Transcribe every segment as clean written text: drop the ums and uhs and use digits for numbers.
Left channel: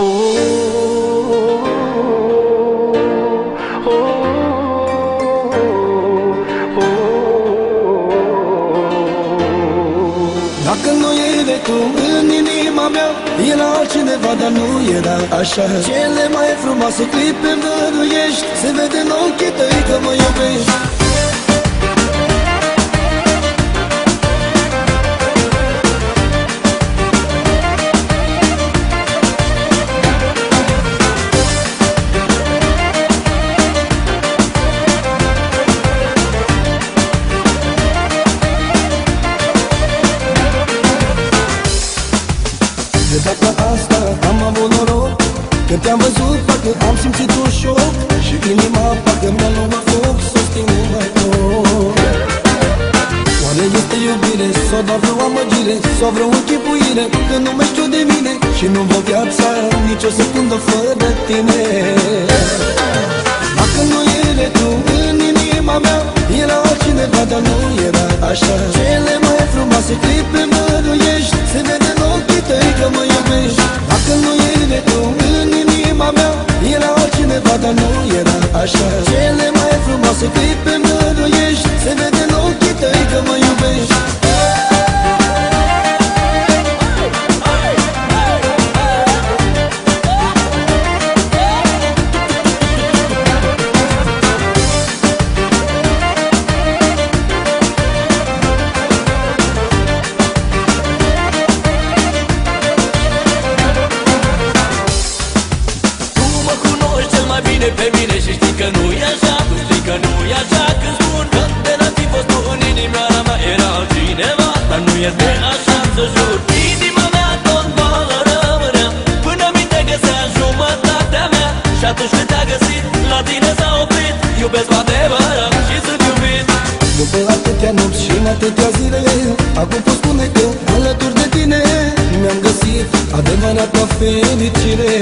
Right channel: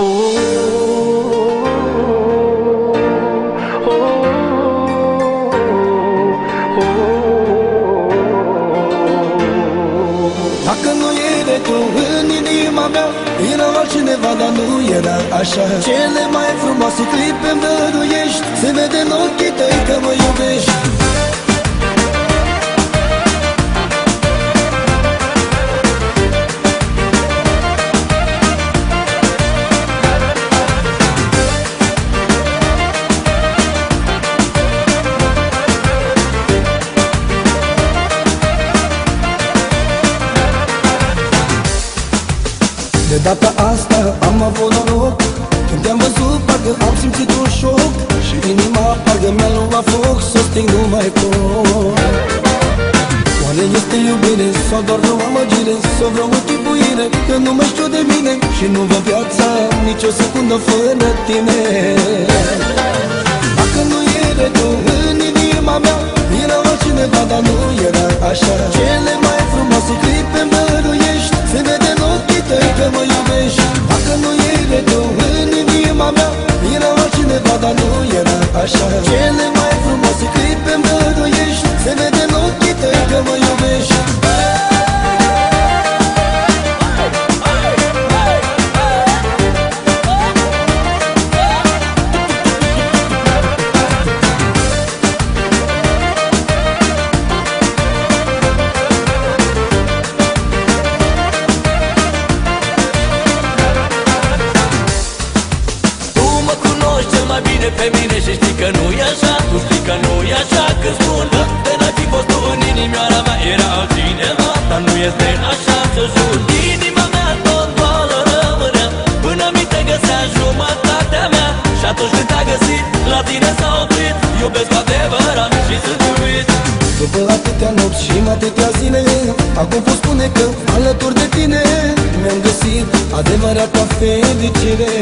Dacă nu e tu în inima mea, era altcineva, dar nu era așa. Cele mai frumoase clipe îmi dăruiești, se vede în ochii tăi că mă iubești. De data asta am avut noroc, când te-am văzut parcă am simțit un șoc, și inima parcă mi-a luat foc, s-o sting, nu mai pot. Oare este iubire sau doar vreo amăgire, sau vreo închipuire, că nu mai știu de mine și nu vă viața nici o secundă fără tine. Dacă nu era tu în inima mea, era altcineva, dar nu era așa. Cele mai frumoase clipe-mi dăruiești, se vede în ochii tăi că mă iubești. Dacă nu era tu în inima mea, era altcineva, dar nu era așa. Cele mai frumoase clipe-mi dăruiești, se vede în ochii tăi că mă iubești. Pe mine și știi că nu e așa, tu știi că nu e așa. Când spun că de n-ai fi fost tu în inimioara mea, era altcineva, dar nu este așa, să jur. Inima mea tot goală rămânea, până mi te găsea jumătatea mea. Și atunci când te-a găsit, la tine s-a oprit. Iubesc cu adevărat și sunt iubit. După atâtea nopți și atâtea zile, acum pot spune că alături de tine mi-am găsit adevărata fericire.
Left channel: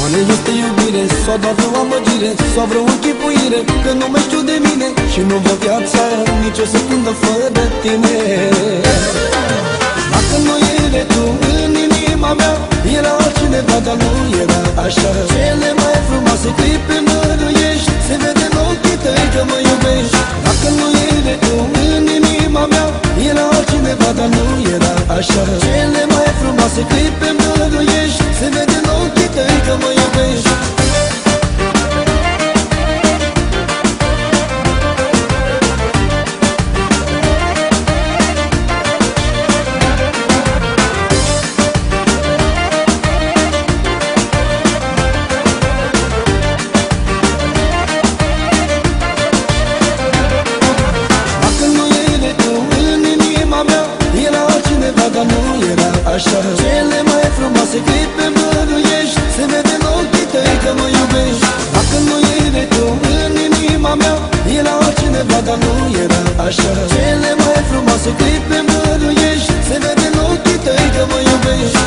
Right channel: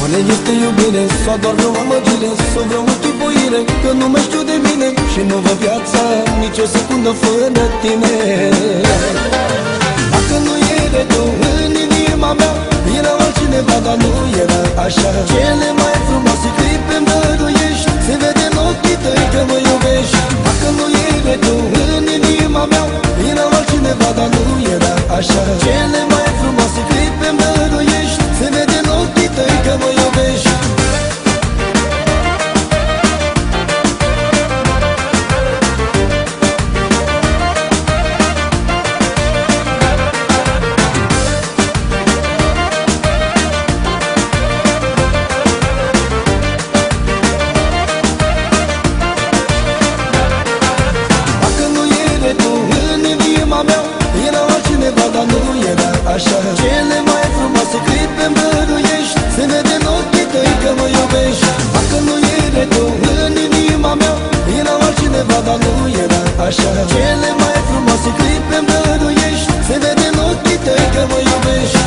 Oare este iubire sau doar vreo amăgire, sau vreo închipuire, că nu mai știu de mine și nu vă viața nici o secundă fără tine. Dacă nu era tu în inima mea, era altcineva, dar nu era așa. Cele mai frumoase clipe-mi dăruiești, se vede în ochii tăi că mă iubești. Dacă nu era tu în inima mea, era altcineva, dar nu era așa. Cele mai frumoase clipe-mi dăruiești, se vede în ochii tăi că mă iubești. Dacă nu era tu în inima mea, era altcineva, dar nu era așa. Cele mai frumoase clipe-mi dăruiești, se vede în ochii tăi că mă iubești. Dacă nu era tu în inima mea, era altcineva, dar nu era așa. Cele mai frumoase clipe-mi dăruiești, se vede în ochii tăi că mă iubești.